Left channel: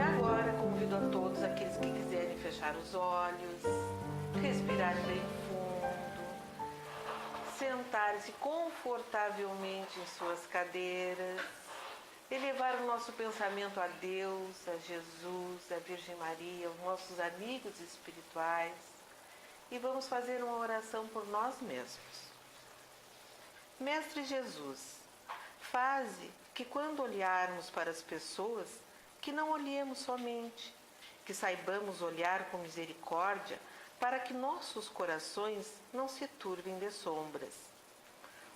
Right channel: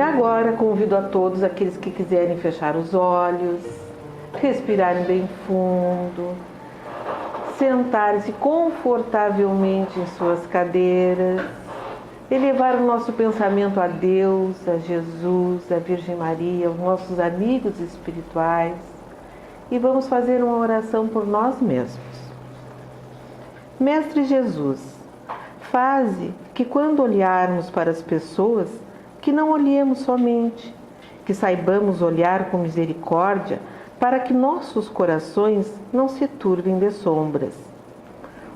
E agora convido a todos aqueles que quiserem fechar os olhos, respirarem bem fundo, sentarem-se confortavelmente em suas cadeiras, elevar o nosso pensamento a Deus, a Jesus, a Virgem Maria, aos nossos amigos espirituais, e vamos fazer uma oração por nós mesmos. Mestre Jesus, faze que quando olharmos para as pessoas, que não olhemos somente, que saibamos olhar com misericórdia para que nossos corações não se turvem de sombras.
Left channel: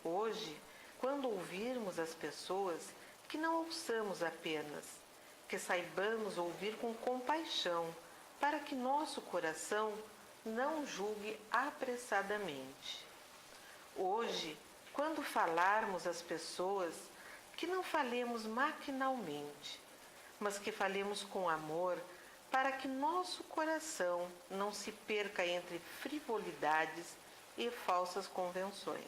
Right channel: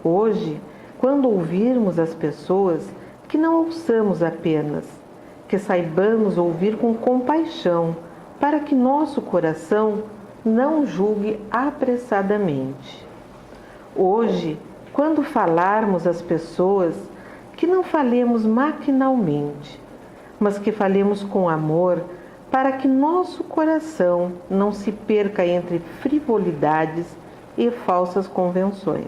Hoje, quando ouvirmos as pessoas, que não ouçamos apenas, que saibamos ouvir com compaixão para que nosso coração não julgue apressadamente. Hoje, quando falarmos às pessoas, que não falemos maquinalmente, mas que falemos com amor para que nosso coração não se perca entre frivolidades e falsas convenções.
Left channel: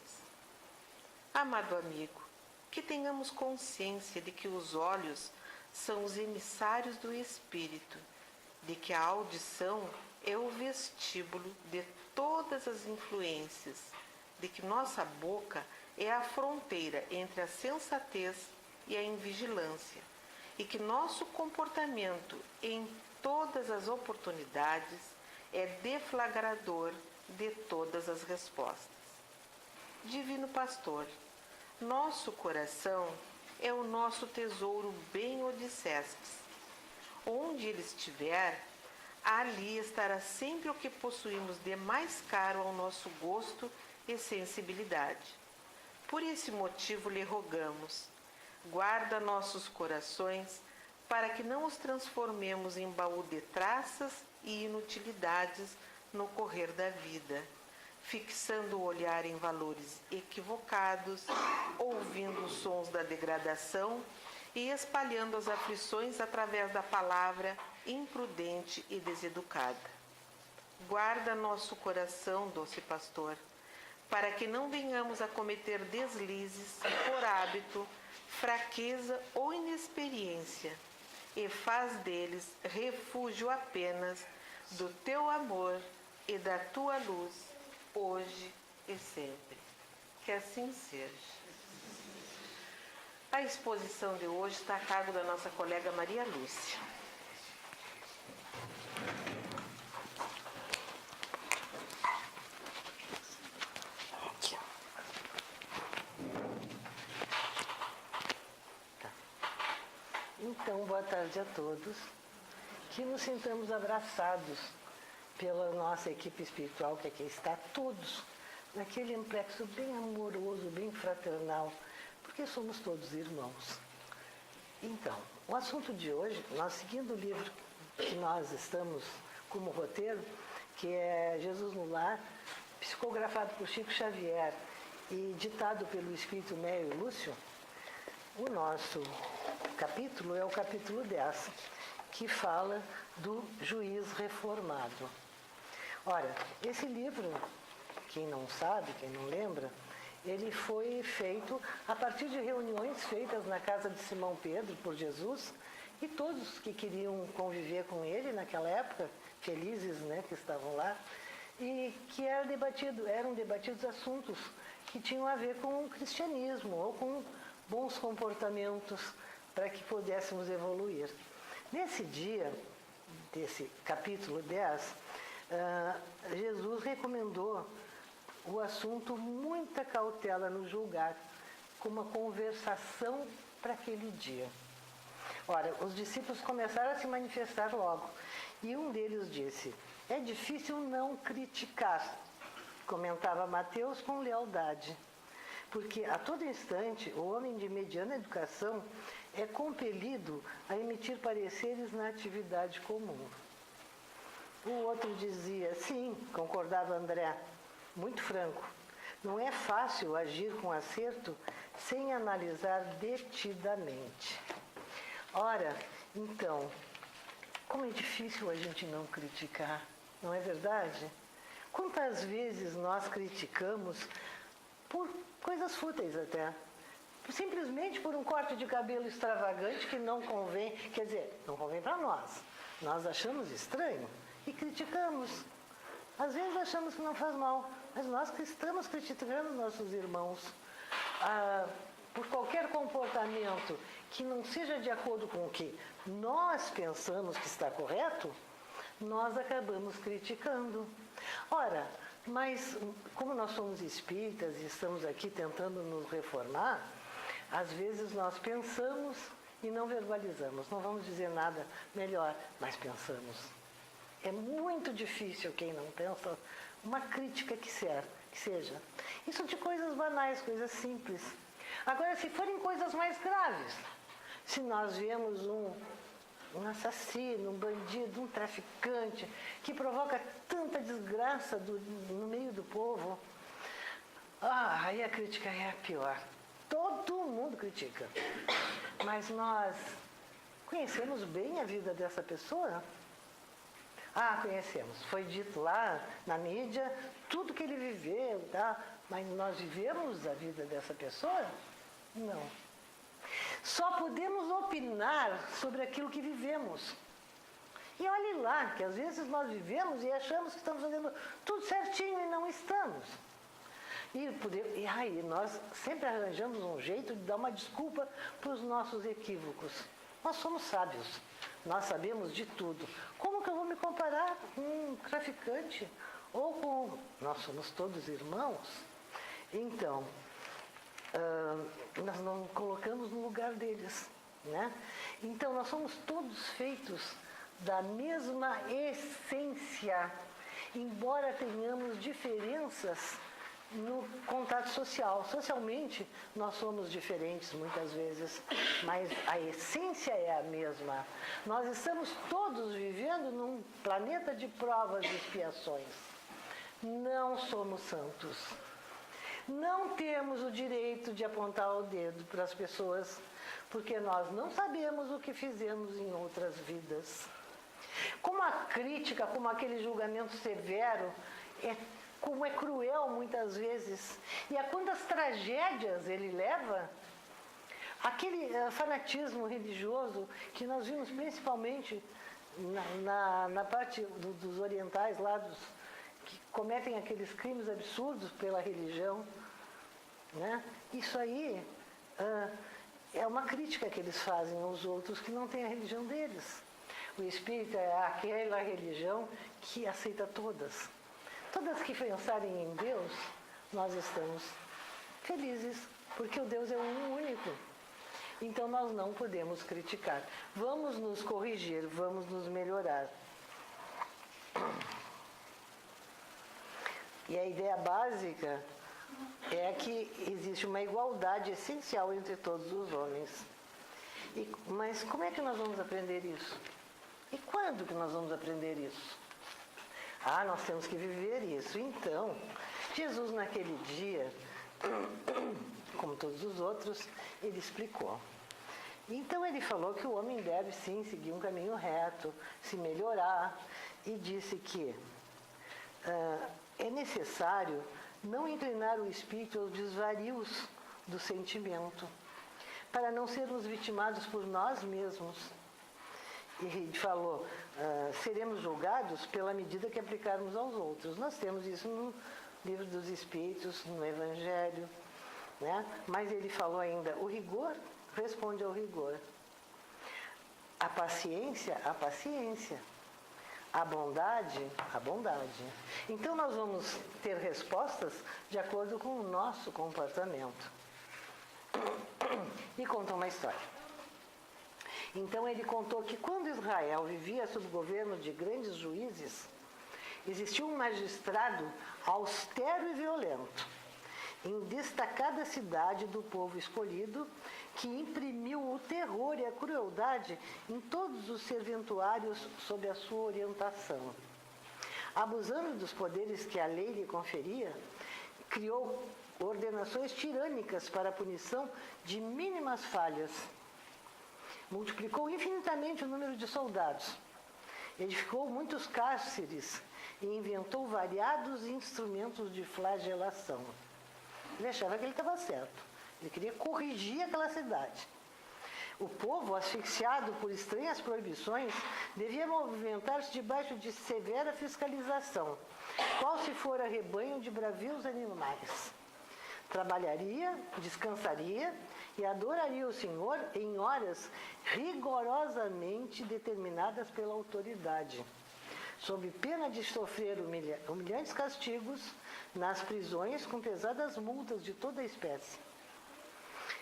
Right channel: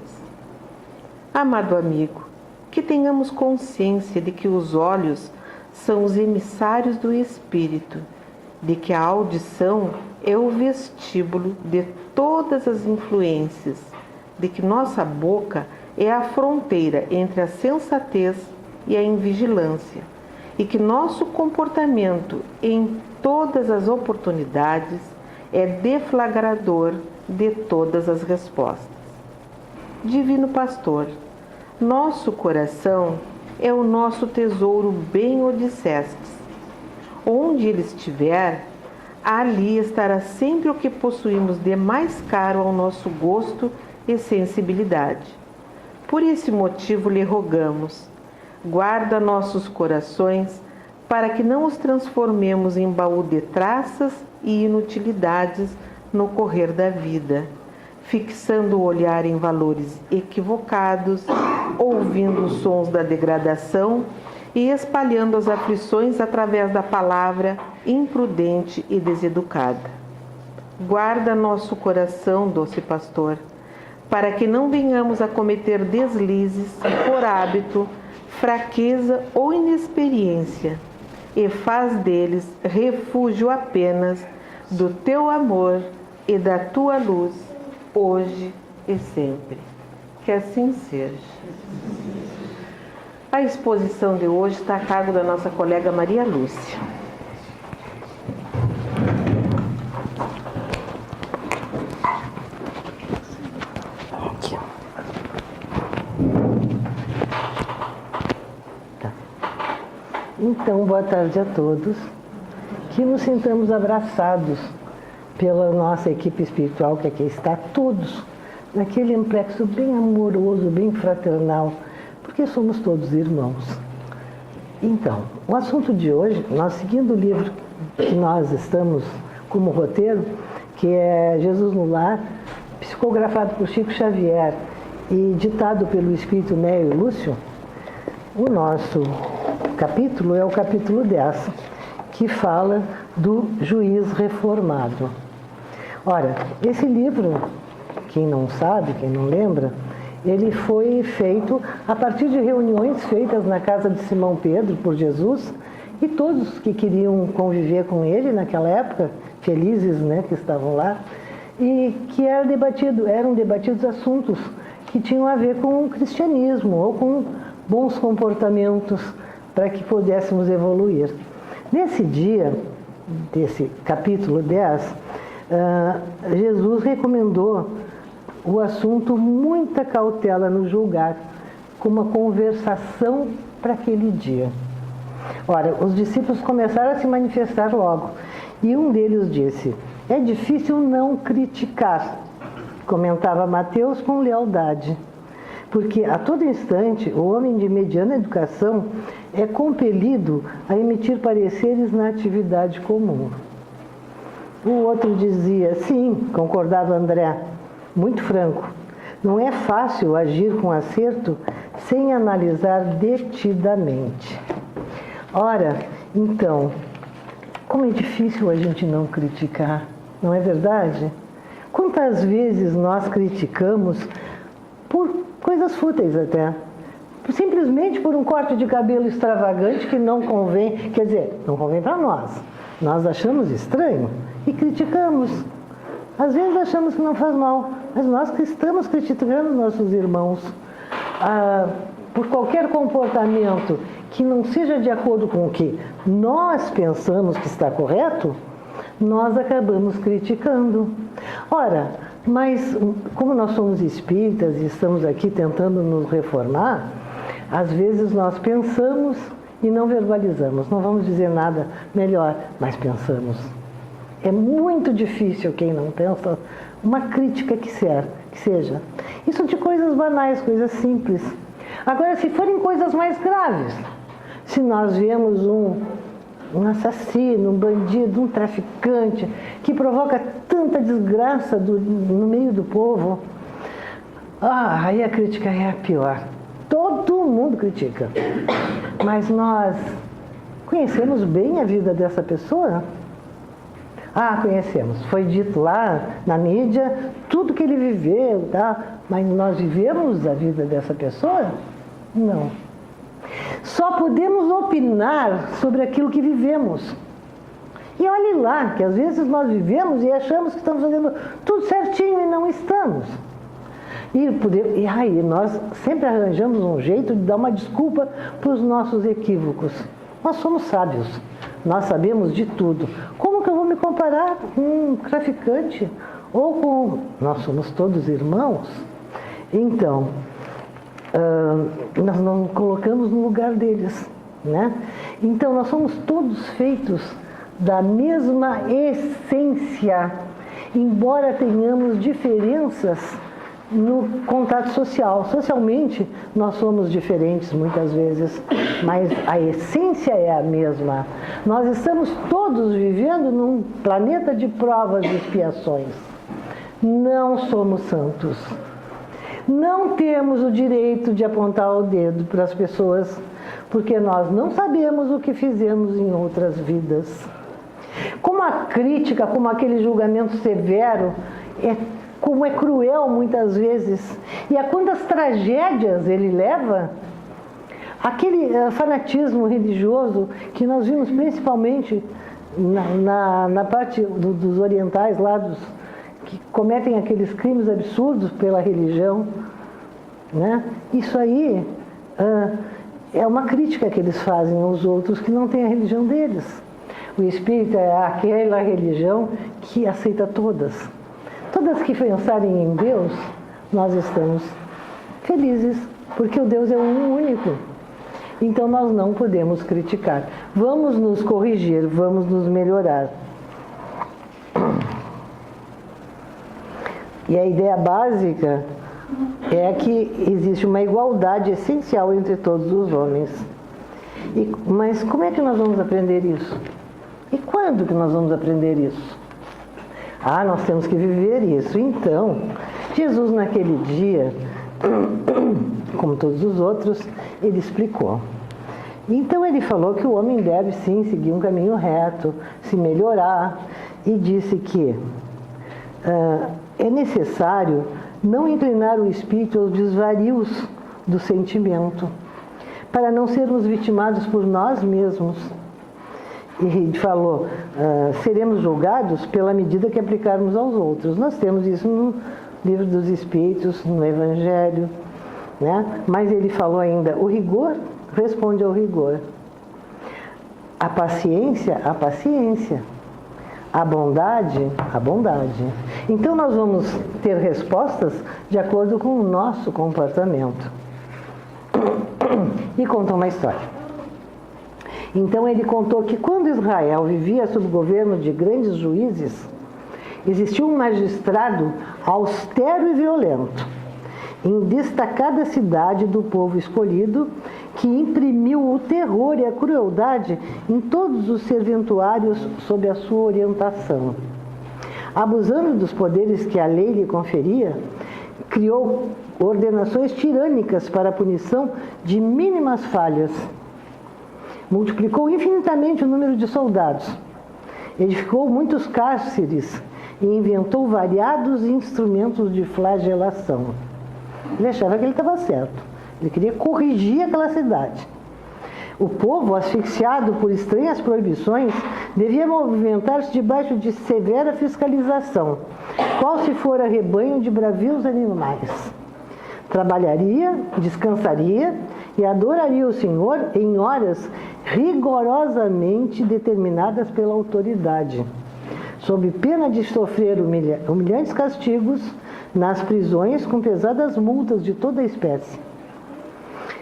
Amado amigo, que tenhamos consciência de que os olhos são os emissários do Espírito, de que a audição é o vestíbulo de todas as influências, de que nossa boca é a fronteira entre a sensatez e a invigilância, e que nosso comportamento em todas as oportunidades é deflagrador de todas as respostas. Divino Pastor, nosso coração é o nosso tesouro, bem o dissestes. Onde ele estiver, ali estará sempre o que possuímos de mais caro ao nosso gosto e sensibilidade. Por esse motivo lhe rogamos, guarda nossos corações para que não os transformemos em baú de traças e inutilidades no correr da vida, fixando o olhar em valores equivocados, ouvindo os sons da degradação e espalhando as aflições através da palavra imprudente e deseducada. Guarda nosso coração, doce pastor, para que não venhamos a cometer deslizes por hábito, fraqueza ou inexperiência, e faz deles refúgio apenas do teu amor e da tua luz, hoje e sempre. Que assim seja. A exposição de hoje está a cargo da nossa colega Maria Lúcia. Então, boa tarde a todos. Que nos sintamos abraçados pela nossa equipe espiritual que aqui está, todos naquele amplexo bem amoroso, bem fraternal, porque somos todos irmãos. Então, o assunto de hoje, nós seguindo o livro que nós estamos como roteiro, que é Jesus no Lar, psicografado por Chico Xavier e ditado pelo Espírito Neio Lúcio, o nosso capítulo é o capítulo 10, que fala do juiz reformado. Ora, esse livro, quem não sabe, quem não lembra, ele foi feito a partir de reuniões feitas na casa de Simão Pedro por Jesus, e todos que queriam conviver com ele naquela época, felizes, né, que estavam lá, e que eram debatidos assuntos que tinham a ver com o cristianismo ou com bons comportamentos para que pudéssemos evoluir. Nesse dia, desse capítulo 10, Jesus recomendou o assunto muita cautela no julgar, com uma conversação para aquele dia. Ora, os discípulos começaram a se manifestar logo, e um deles disse: é difícil não criticar, comentava Mateus com lealdade, porque a todo instante o homem de mediana educação é compelido a emitir pareceres na atividade comum. O outro dizia: sim, concordava André, muito franco, não é fácil agir com acerto sem analisar detidamente. Ora, então, como é difícil a gente não criticar, não é verdade? Quantas vezes nós criticamos por coisas fúteis até, simplesmente por um corte de cabelo extravagante que não convém, quer dizer, não convém para nós. Nós achamos estranho e criticamos. Às vezes achamos que não faz mal, mas nós que estamos criticando nossos irmãos por qualquer comportamento que não seja de acordo com o que nós pensamos que está correto, nós acabamos criticando. Ora, mas como nós somos espíritas e estamos aqui tentando nos reformar, às vezes nós pensamos e não verbalizamos, não vamos dizer nada melhor, mas pensamos. É muito difícil quem não pensa uma crítica que seja. Isso de coisas banais, coisas simples. Agora, se forem coisas mais graves, se nós vemos um assassino, um bandido, um traficante, que provoca tanta desgraça no meio do povo, aí a crítica é a pior. Todo mundo critica. Mas nós conhecemos bem a vida dessa pessoa? Conhecemos. Foi dito lá na mídia tudo que ele viveu, tá? Mas nós vivemos a vida dessa pessoa? Não. Só podemos opinar sobre aquilo que vivemos. E olhe lá, que às vezes nós vivemos e achamos que estamos fazendo tudo certinho e não estamos. E aí nós sempre arranjamos um jeito de dar uma desculpa para os nossos equívocos. Nós somos sábios, nós sabemos de tudo. Como que eu vou me comparar com um traficante? Nós somos todos irmãos. Então, nós não colocamos no lugar deles, né? Então, nós somos todos feitos da mesma essência, embora tenhamos diferenças no contato social. Socialmente, nós somos diferentes muitas vezes, mas a essência é a mesma. Nós estamos todos vivendo num planeta de provas e expiações. Não somos santos. Não temos o direito de apontar o dedo para as pessoas, porque nós não sabemos o que fizemos em outras vidas. Como a crítica, como aquele julgamento severo, como é cruel muitas vezes, e a quantas tragédias ele leva, aquele fanatismo religioso que nós vimos principalmente na parte dos orientais lá, que cometem aqueles crimes absurdos pela religião, né? Isso aí é uma crítica que eles fazem aos outros que não têm a religião deles. O espírita é aquela religião que aceita todas. Todas que pensarem em Deus, nós estamos felizes, porque o Deus é um único. Então nós não podemos criticar. Vamos nos corrigir, vamos nos melhorar. E a ideia básica é que existe uma igualdade essencial entre todos os homens. Mas como é que nós vamos aprender isso? E quando que nós vamos aprender isso? Nós temos que viver isso. Então, Jesus naquele dia, como todos os outros, ele explicou. Então ele falou que o homem deve sim seguir um caminho reto, se melhorar, e disse que é necessário não inclinar o espírito aos desvarios do sentimento, para não sermos vitimados por nós mesmos. E falou, seremos julgados pela medida que aplicarmos aos outros. Nós temos isso no Livro dos Espíritos, no Evangelho, né? Mas ele falou ainda, o rigor responde ao rigor. A paciência, a paciência. A bondade, a bondade. Então nós vamos ter respostas de acordo com o nosso comportamento. E contou uma história. Então ele contou que quando Israel vivia sob o governo de grandes juízes, existia um magistrado austero e violento, em destacada cidade do povo escolhido, que imprimiu o terror e a crueldade em todos os serventuários sob a sua orientação. Abusando dos poderes que a lei lhe conferia, criou ordenações tirânicas para a punição de mínimas falhas. Multiplicou infinitamente o número de soldados, edificou muitos cárceres e inventou variados instrumentos de flagelação. Ele achava que ele estava certo. Ele queria corrigir aquela cidade. O povo, asfixiado por estranhas proibições, devia movimentar-se debaixo de severa fiscalização, qual se fora rebanho de bravios animais. Trabalharia, descansaria e adoraria o Senhor em horas rigorosamente determinadas pela autoridade, sob pena de sofrer humilhantes castigos nas prisões com pesadas multas de toda a espécie.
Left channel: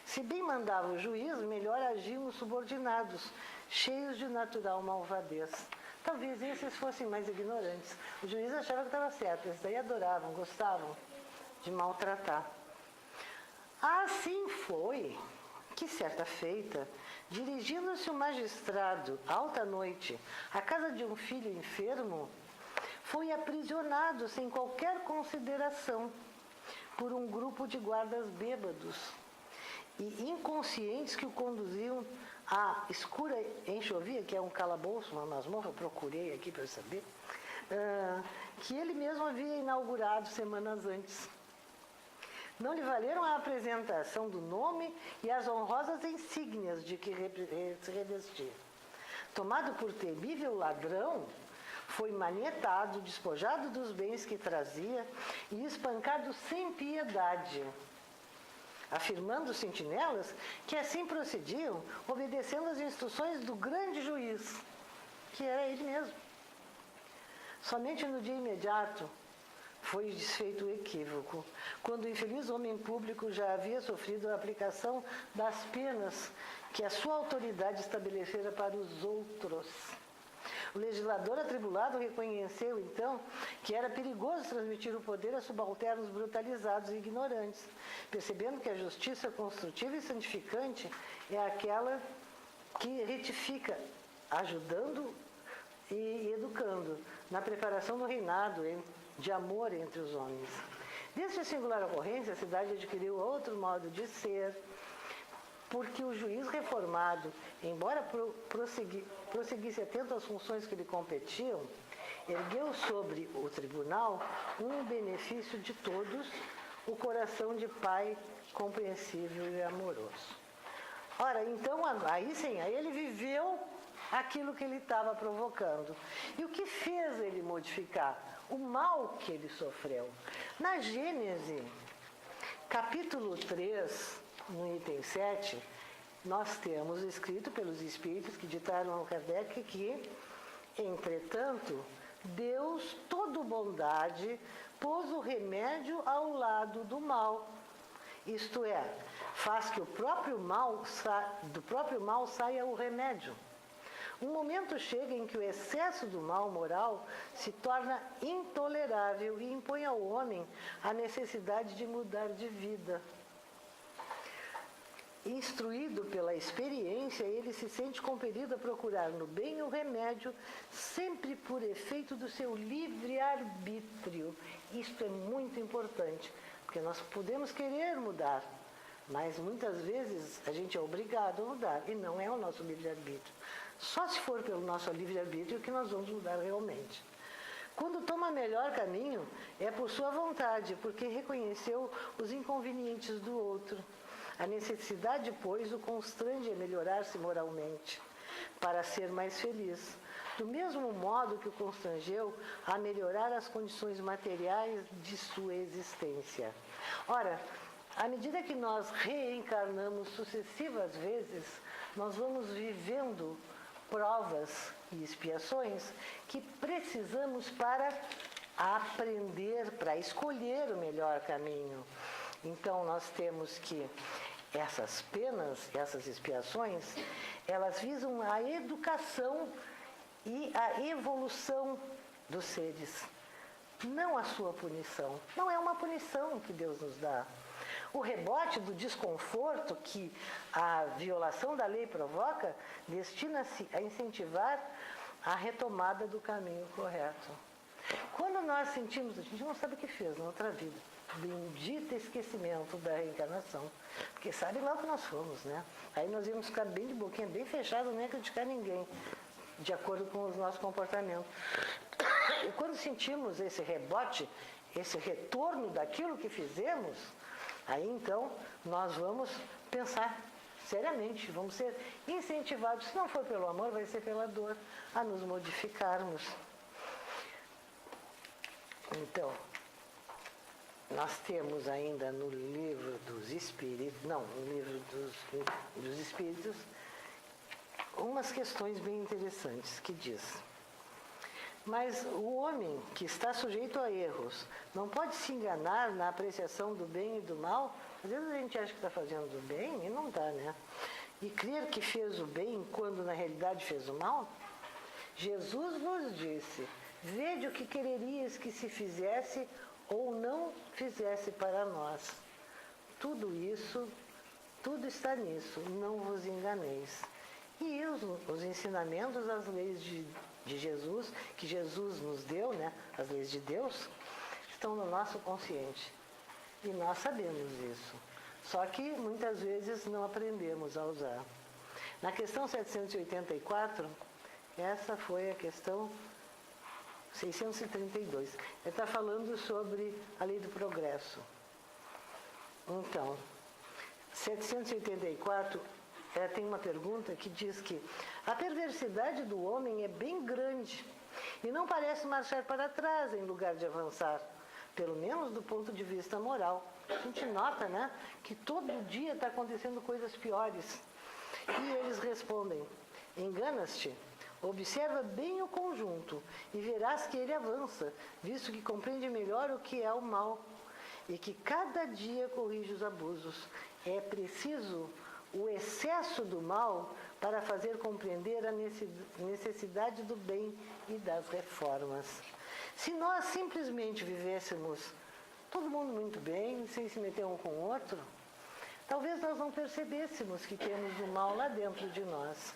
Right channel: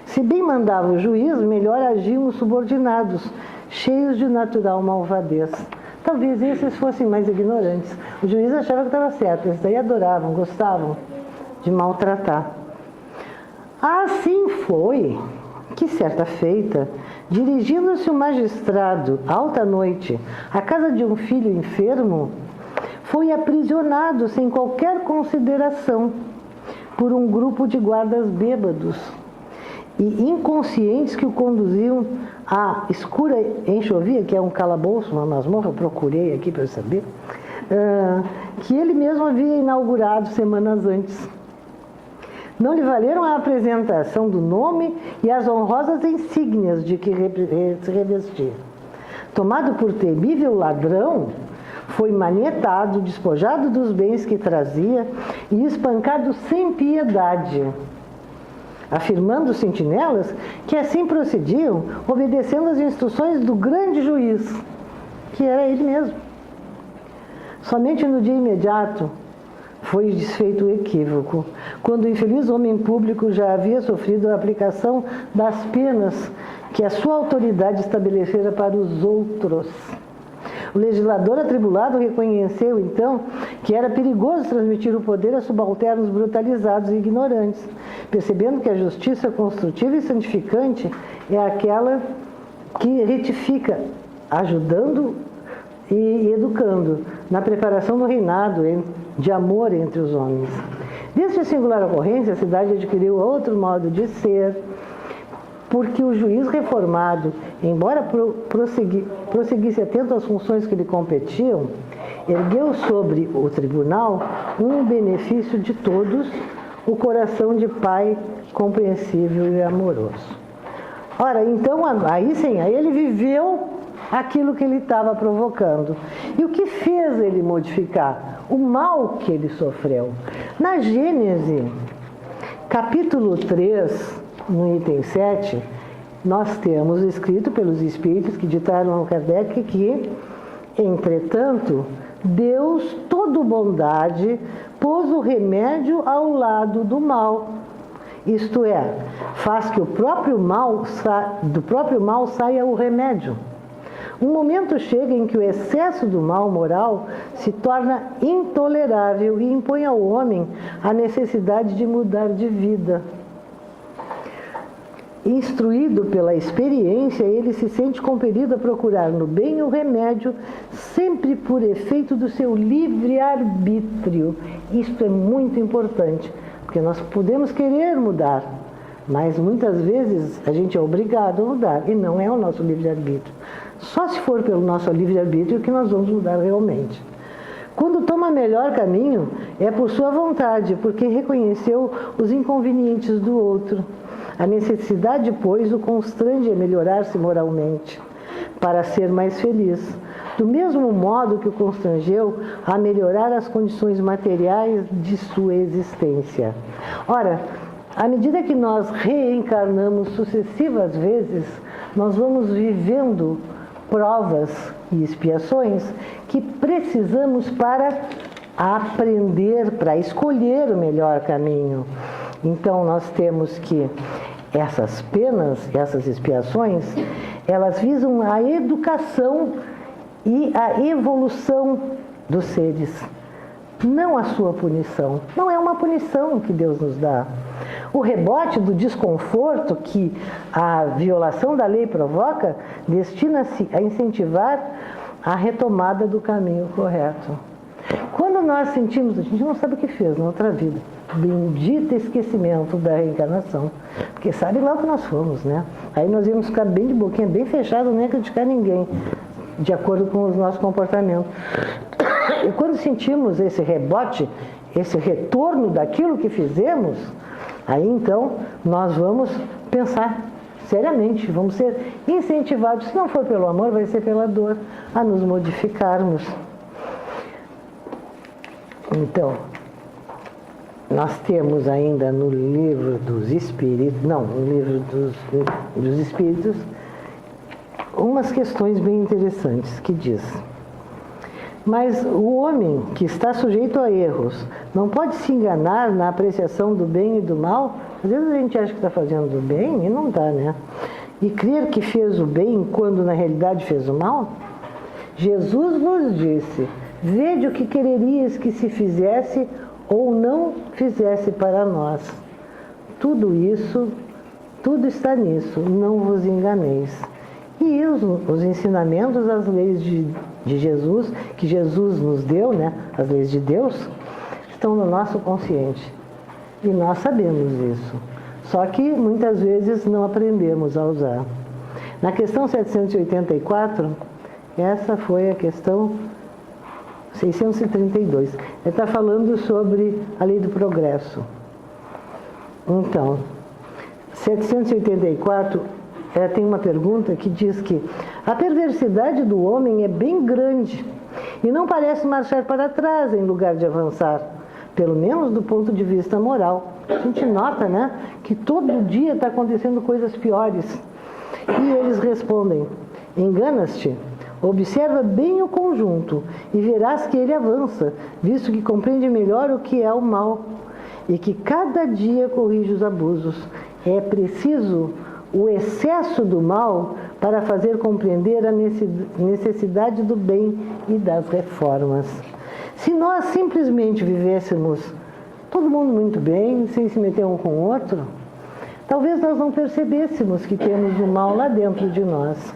Se bem mandava o juiz, melhor agiam os subordinados, cheios de natural malvadez. Talvez esses fossem mais ignorantes. O juiz achava que estava certo, eles daí adoravam, gostavam de maltratar. Assim foi que, certa feita, dirigindo-se o magistrado, alta noite, à casa de um filho enfermo, foi aprisionado sem qualquer consideração por um grupo de guardas bêbados e inconscientes que o conduziam à escura enxovia, que é um calabouço, uma masmorra, procurei aqui para saber, que ele mesmo havia inaugurado semanas antes. Não lhe valeram a apresentação do nome e as honrosas insígnias de que se revestia. Tomado por temível ladrão, foi manietado, despojado dos bens que trazia e espancado sem piedade, afirmando os sentinelas que assim procediam, obedecendo às instruções do grande juiz, que era ele mesmo. Somente no dia imediato foi desfeito o equívoco, quando o infeliz homem público já havia sofrido a aplicação das penas que a sua autoridade estabelecera para os outros. O legislador atribulado reconheceu, então, que era perigoso transmitir o poder a subalternos brutalizados e ignorantes, percebendo que a justiça construtiva e santificante é aquela que retifica, ajudando e educando na preparação do reinado de amor entre os homens. Desta singular ocorrência, a cidade adquiriu outro modo de ser, porque o juiz reformado, embora prosseguisse atento às funções que lhe competiam, ergueu sobre o tribunal um benefício de todos, o coração de pai compreensível e amoroso. Ora, então, aí sim, aí ele viveu aquilo que ele estava provocando. E o que fez ele modificar? O mal que ele sofreu. Na Gênese, capítulo 3, no item 7, nós temos escrito pelos Espíritos que ditaram a Kardec que, entretanto, Deus, todo bondade, pôs o remédio ao lado do mal. Isto é, faz que do próprio mal saia o remédio. Um momento chega em que o excesso do mal moral se torna intolerável e impõe ao homem a necessidade de mudar de vida. Instruído pela experiência, ele se sente compelido a procurar no bem o remédio, sempre por efeito do seu livre-arbítrio. Isto é muito importante, porque nós podemos querer mudar, mas muitas vezes a gente é obrigado a mudar, e não é o nosso livre-arbítrio. Só se for pelo nosso livre-arbítrio que nós vamos mudar realmente. Quando toma melhor caminho, é por sua vontade, porque reconheceu os inconvenientes do outro. A necessidade, pois, o constrange a melhorar-se moralmente, para ser mais feliz, do mesmo modo que o constrangeu a melhorar as condições materiais de sua existência. Ora, à medida que nós reencarnamos sucessivas vezes, nós vamos vivendo provas e expiações que precisamos para aprender, para escolher o melhor caminho. Então, nós temos que essas penas, essas expiações, elas visam a educação e a evolução dos seres, não a sua punição. Não é uma punição que Deus nos dá. O rebote do desconforto que a violação da lei provoca destina-se a incentivar a retomada do caminho correto. Quando nós sentimos, a gente não sabe o que fez na outra vida. Bendito esquecimento da reencarnação. Porque sabe lá o que nós fomos, né? Aí nós íamos ficar bem de boquinha, bem fechado, nem criticar ninguém, de acordo com os nossos comportamentos. E quando sentimos esse rebote, esse retorno daquilo que fizemos, Aí então nós vamos pensar seriamente, vamos ser incentivados, se não for pelo amor, vai ser pela dor, a nos modificarmos. Então, nós temos ainda no livro dos Espíritos, no livro dos Espíritos, umas questões bem interessantes que diz: mas o homem que está sujeito a erros não pode se enganar na apreciação do bem e do mal. Às vezes a gente acha que está fazendo o bem e não está, né? E crer que fez o bem quando na realidade fez o mal. Jesus nos disse: vede o que quererias que se fizesse ou não fizesse para nós. Tudo isso, tudo está nisso, não vos enganeis. E os ensinamentos, as leis de Jesus, que Jesus nos deu, né? As leis de Deus, estão no nosso consciente. E nós sabemos isso. Só que muitas vezes não aprendemos a usar. Na questão 784, essa foi a questão 632. Ele está falando sobre a lei do progresso. Então, 784, tem uma pergunta que diz que a perversidade do homem é bem grande e não parece marchar para trás em lugar de avançar, pelo menos do ponto de vista moral. A gente nota, né, que todo dia está acontecendo coisas piores. E eles respondem: enganas-te. Observa bem o conjunto e verás que ele avança, visto que compreende melhor o que é o mal e que cada dia corrige os abusos. É preciso o excesso do mal para fazer compreender a necessidade do bem e das reformas. Se nós simplesmente vivêssemos todo mundo muito bem, sem se meter um com o outro, talvez nós não percebêssemos que temos o mal lá dentro de nós.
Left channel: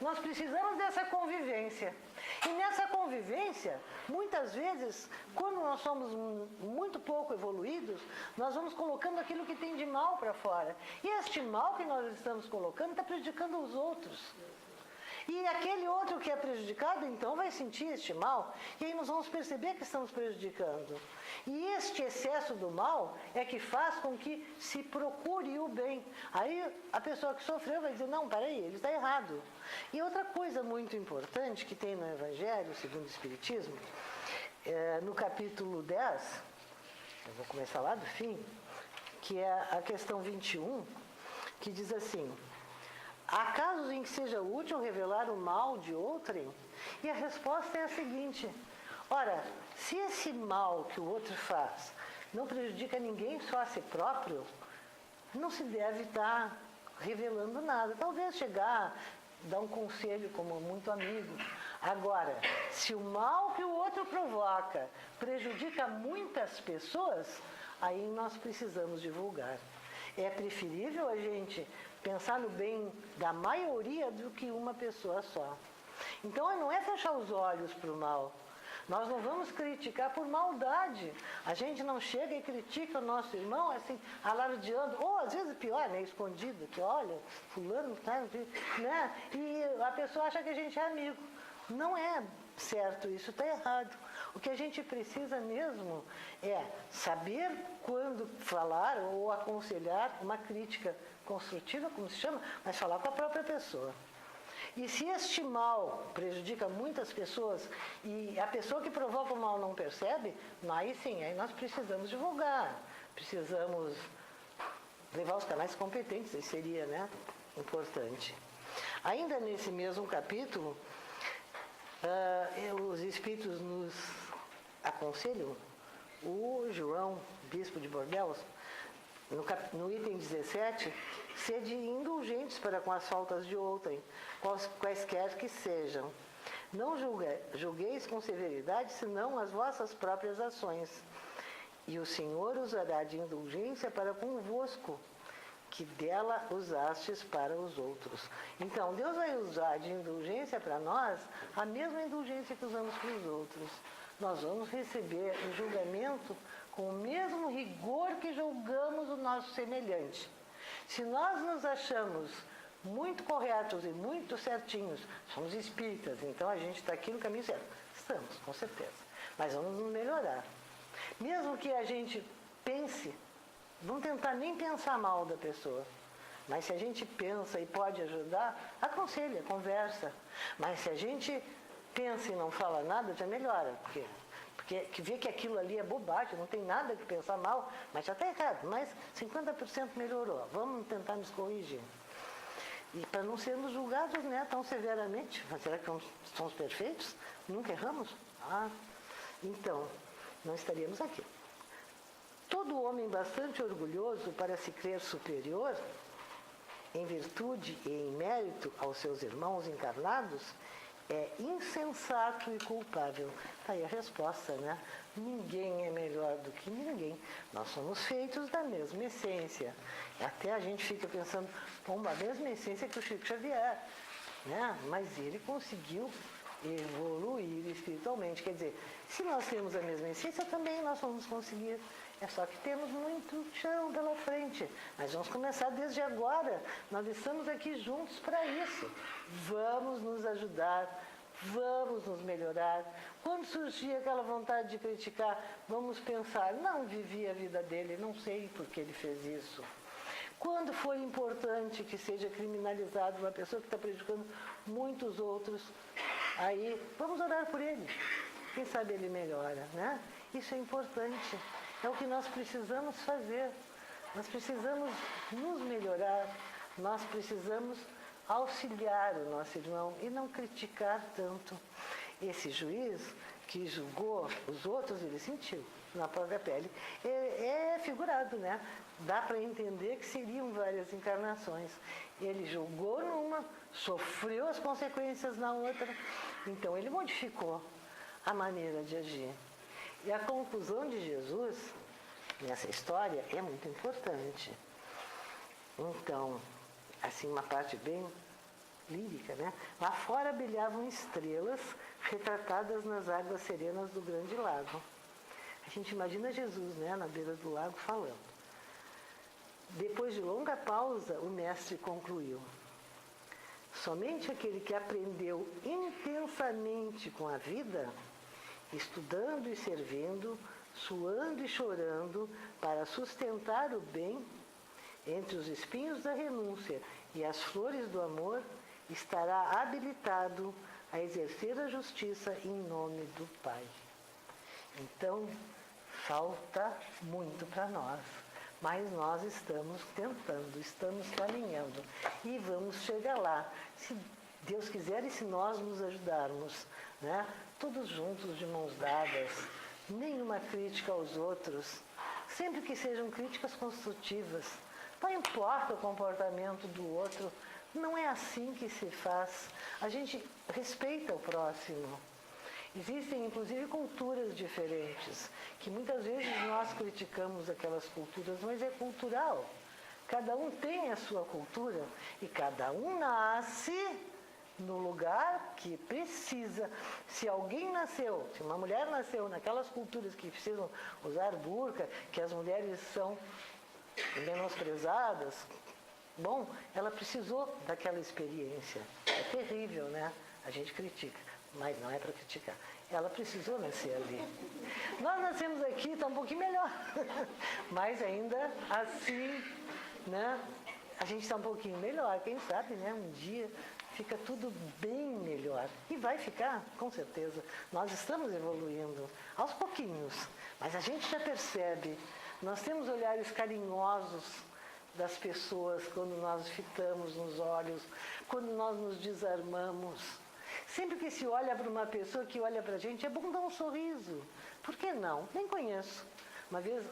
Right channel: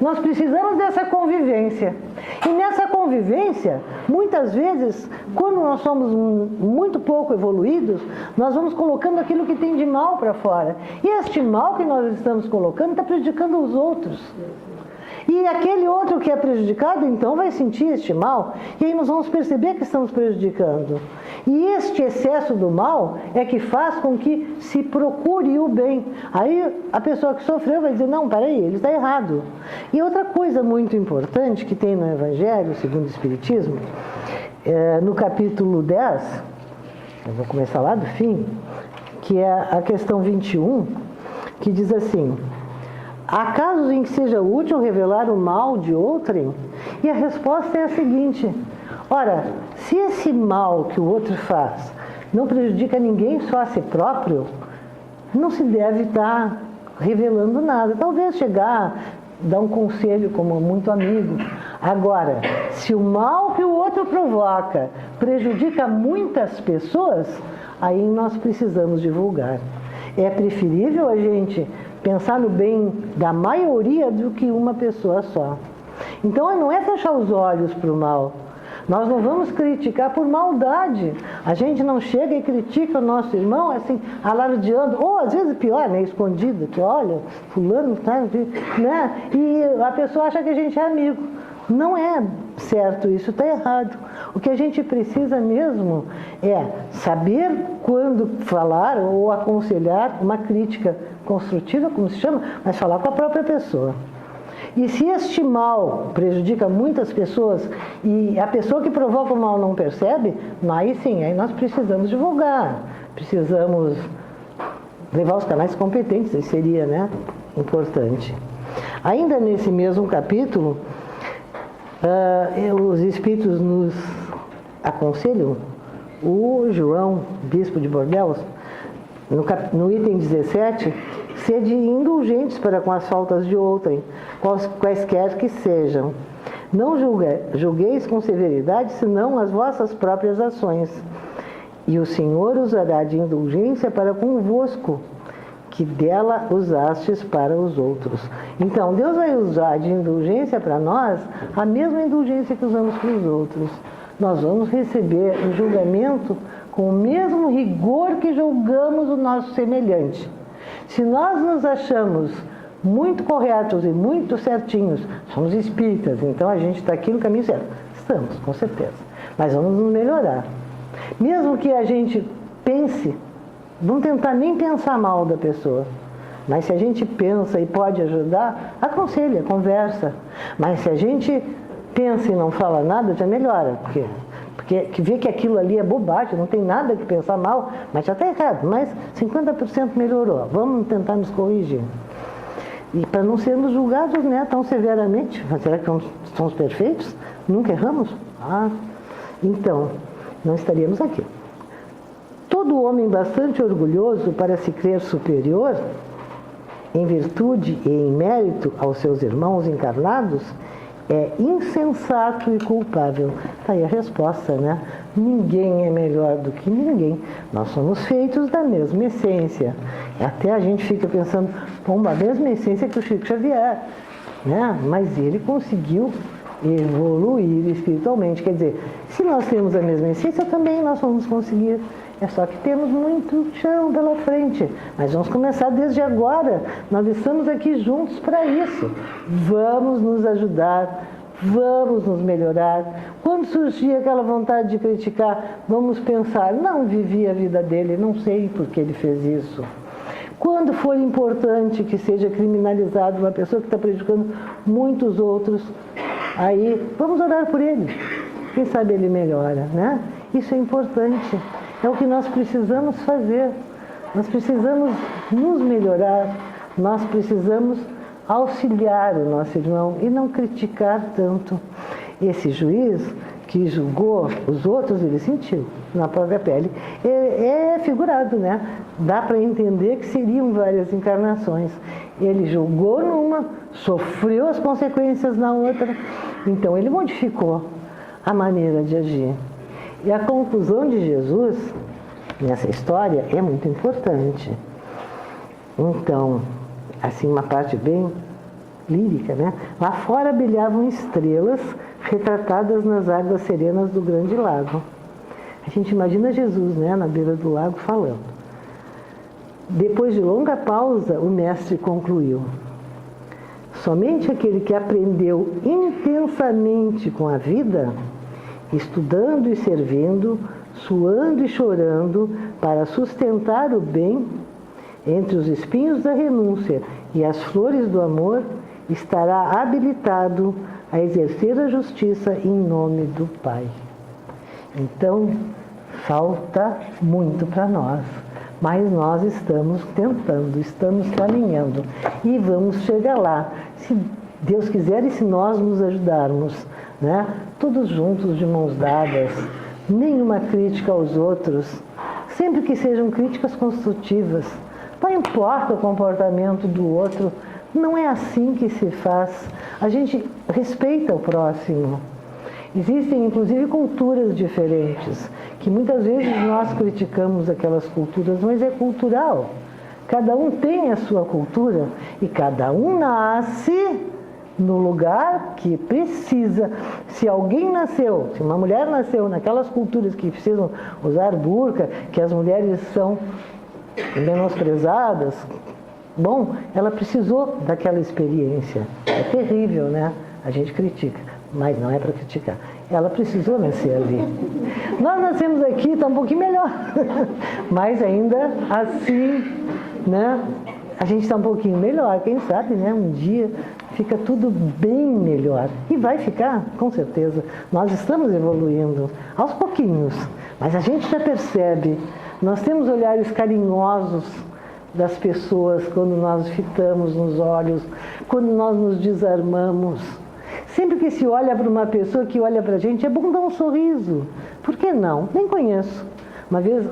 Nós precisamos dessa convivência. E nessa convivência, muitas vezes, quando nós somos muito pouco evoluídos, nós vamos colocando aquilo que tem de mal para fora. E este mal que nós estamos colocando está prejudicando os outros. E aquele outro que é prejudicado, então, vai sentir este mal. E aí nós vamos perceber que estamos prejudicando. E este excesso do mal é que faz com que se procure o bem. Aí a pessoa que sofreu vai dizer: não, peraí, ele está errado. E outra coisa muito importante que tem no Evangelho, segundo o Espiritismo, no capítulo 10, eu vou começar lá do fim, que é a questão 21, que diz assim: há casos em que seja útil revelar o mal de outrem? E a resposta é a seguinte: ora, se esse mal que o outro faz não prejudica ninguém, só a si próprio, não se deve estar revelando nada. Talvez chegar, dar um conselho como muito amigo. Agora, se o mal que o outro provoca prejudica muitas pessoas, aí nós precisamos divulgar. É preferível a gente pensar no bem da maioria do que uma pessoa só. Então, não é fechar os olhos para o mal. Nós não vamos criticar por maldade. A gente não chega e critica o nosso irmão assim, alardeando, ou às vezes pior, né, escondido, que olha, fulano, tá, né? E a pessoa acha que a gente é amigo. Não é certo isso, está errado. O que a gente precisa mesmo é saber quando falar ou aconselhar uma crítica construtiva, como se chama, mas falar com a própria pessoa. E se este mal prejudica muitas pessoas e a pessoa que provoca o mal não percebe, aí sim, aí nós precisamos divulgar, precisamos levar os canais competentes, isso seria, né, importante. Ainda nesse mesmo capítulo, os Espíritos nos aconselham, o João, bispo de Bordeaux, no item 17, sede indulgentes para com as faltas de outrem, quaisquer que sejam. Não julgueis com severidade, senão as vossas próprias ações. E o Senhor usará de indulgência para convosco, que dela usastes para os outros. Então, Deus vai usar de indulgência para nós a mesma indulgência que usamos para os outros. Nós vamos receber o julgamento com o mesmo rigor que julgamos o nosso semelhante. Se nós nos achamos muito corretos e muito certinhos, somos espíritas, então a gente está aqui no caminho certo. Estamos, com certeza. Mas vamos nos melhorar. Mesmo que a gente pense Vamos tentar nem pensar mal da pessoa. Mas se a gente pensa e pode ajudar, aconselha, conversa. Mas se a gente pensa e não fala nada, já melhora. Porque vê que aquilo ali é bobagem, não tem nada que pensar mal, mas já está errado. Mas 50% melhorou. Vamos tentar nos corrigir. E para não sermos julgados, né, tão severamente. Mas será que somos perfeitos? Nunca erramos? Então, não estaríamos aqui. Todo homem bastante orgulhoso para se crer superior, em virtude e em mérito aos seus irmãos encarnados, é insensato e culpável. Está aí a resposta, né? Ninguém é melhor do que ninguém. Nós somos feitos da mesma essência. Até a gente fica pensando, a mesma essência que o Chico Xavier, né? Mas ele conseguiu evoluir espiritualmente. Quer dizer, se nós temos a mesma essência, também nós vamos conseguir. É só que temos muito chão pela frente. Mas vamos começar desde agora. Nós estamos aqui juntos para isso. Vamos nos ajudar, vamos nos melhorar. Quando surgir aquela vontade de criticar, vamos pensar, não vivi a vida dele, não sei por que ele fez isso. Quando for importante que seja criminalizado uma pessoa que está prejudicando muitos outros, aí vamos orar por ele. Quem sabe ele melhora, né? Isso é importante. É o que nós precisamos fazer. Nós precisamos nos melhorar. Nós precisamos auxiliar o nosso irmão e não criticar tanto. Esse juiz que julgou os outros, ele sentiu na própria pele. É figurado, né? Dá para entender que seriam várias encarnações. Ele julgou numa, sofreu as consequências na outra. Então, ele modificou a maneira de agir. E a conclusão de Jesus nessa história é muito importante. Então, assim, uma parte bem lírica, né? Lá fora brilhavam estrelas retratadas nas águas serenas do grande lago. A gente imagina Jesus, né, na beira do lago falando. Depois de longa pausa, o mestre concluiu: somente aquele que aprendeu intensamente com a vida, estudando e servindo, suando e chorando, para sustentar o bem, entre os espinhos da renúncia e as flores do amor, estará habilitado a exercer a justiça em nome do Pai. Então, falta muito para nós, mas nós estamos tentando, estamos caminhando e vamos chegar lá, se Deus quiser e se nós nos ajudarmos, né? Todos juntos, de mãos dadas, nenhuma crítica aos outros, sempre que sejam críticas construtivas. Não importa o comportamento do outro, não é assim que se faz. A gente respeita o próximo. Existem, inclusive, culturas diferentes, que muitas vezes nós criticamos aquelas culturas, mas é cultural. Cada um tem a sua cultura e cada um nasce no lugar que precisa. Se alguém nasceu, se uma mulher nasceu naquelas culturas que precisam usar burca, que as mulheres são menosprezadas, bom, ela precisou daquela experiência. É terrível, né? A gente critica, mas não é para criticar. Ela precisou nascer ali. Nós nascemos aqui, está um pouquinho melhor, mas ainda assim, né? A gente está um pouquinho melhor, quem sabe, né? Um dia fica tudo bem melhor. E vai ficar, com certeza. Nós estamos evoluindo, aos pouquinhos, mas a gente já percebe. Nós temos olhares carinhosos das pessoas quando nós fitamos nos olhos, quando nós nos desarmamos. Sempre que se olha para uma pessoa que olha para a gente, é bom dar um sorriso. Por que não? Nem conheço. Uma vez,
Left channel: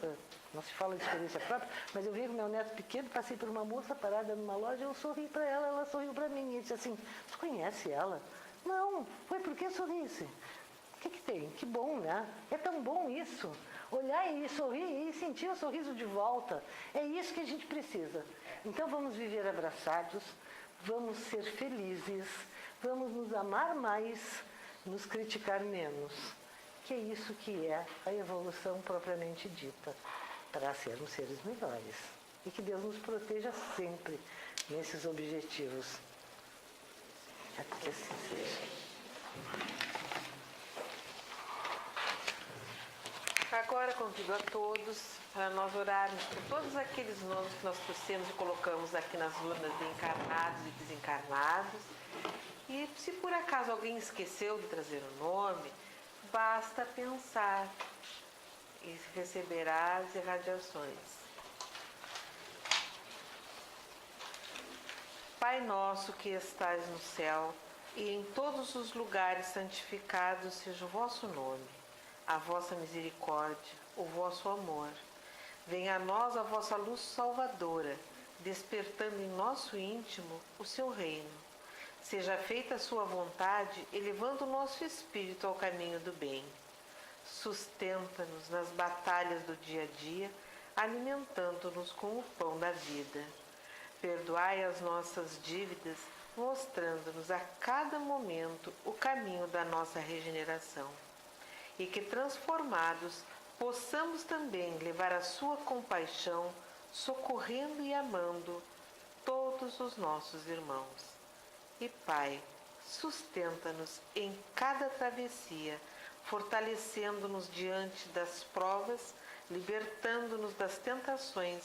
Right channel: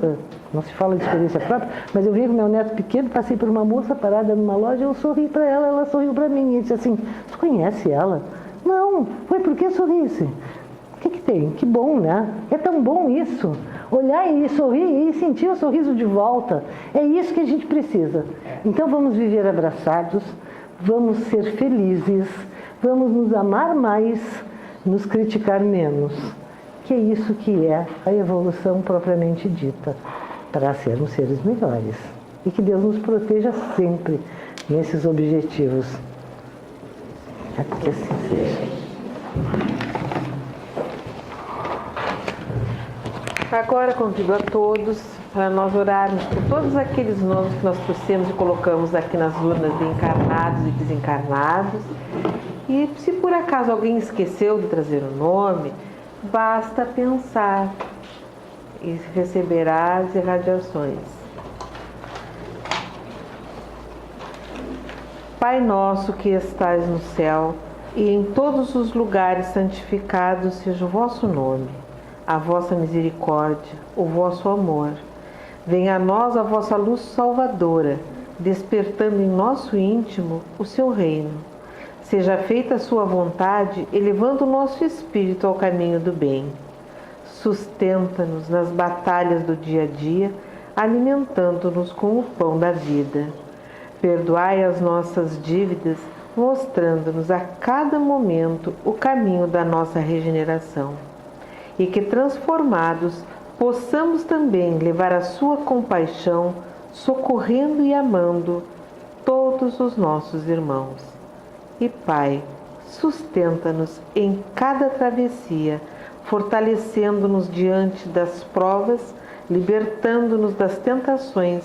não se fala de experiência própria, mas eu vi com meu neto pequeno, passei por uma moça parada numa loja, eu sorri para ela, ela sorriu para mim. E disse assim: você conhece ela? Não. Foi por que sorrisse? O que tem? Que bom, né? É tão bom isso. Olhar e sorrir e sentir o sorriso de volta. É isso que a gente precisa. Então vamos viver abraçados, vamos ser felizes, vamos nos amar mais, nos criticar menos. Que é isso que é a evolução propriamente dita, para sermos seres melhores. E que Deus nos proteja sempre nesses objetivos. Que assim seja. Agora convido a todos para nós orarmos por todos aqueles nomes que nós trouxemos e colocamos aqui nas urnas de encarnados e desencarnados. E se por acaso alguém esqueceu de trazer o nome, basta pensar e receberá as irradiações. Pai nosso que estais no céu, e em todos os lugares santificado seja o vosso nome, a vossa misericórdia, o vosso amor. Venha a nós a vossa luz salvadora, despertando em nosso íntimo o seu reino. Seja feita a sua vontade, elevando o nosso espírito ao caminho do bem. Sustenta-nos nas batalhas do dia a dia, alimentando-nos com o pão da vida. Perdoai as nossas dívidas, mostrando-nos a cada momento o caminho da nossa regeneração. E que, transformados, possamos também levar a sua compaixão, socorrendo e amando todos os nossos irmãos. E Pai, sustenta-nos em cada travessia, fortalecendo-nos diante das provas, libertando-nos das tentações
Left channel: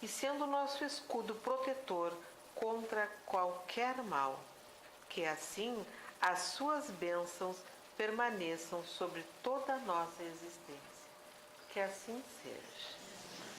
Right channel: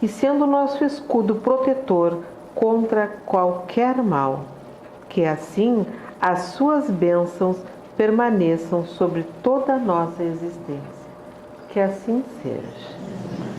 e sendo nosso escudo protetor contra qualquer mal. Que assim as suas bênçãos permaneçam sobre toda a nossa existência. Que assim seja.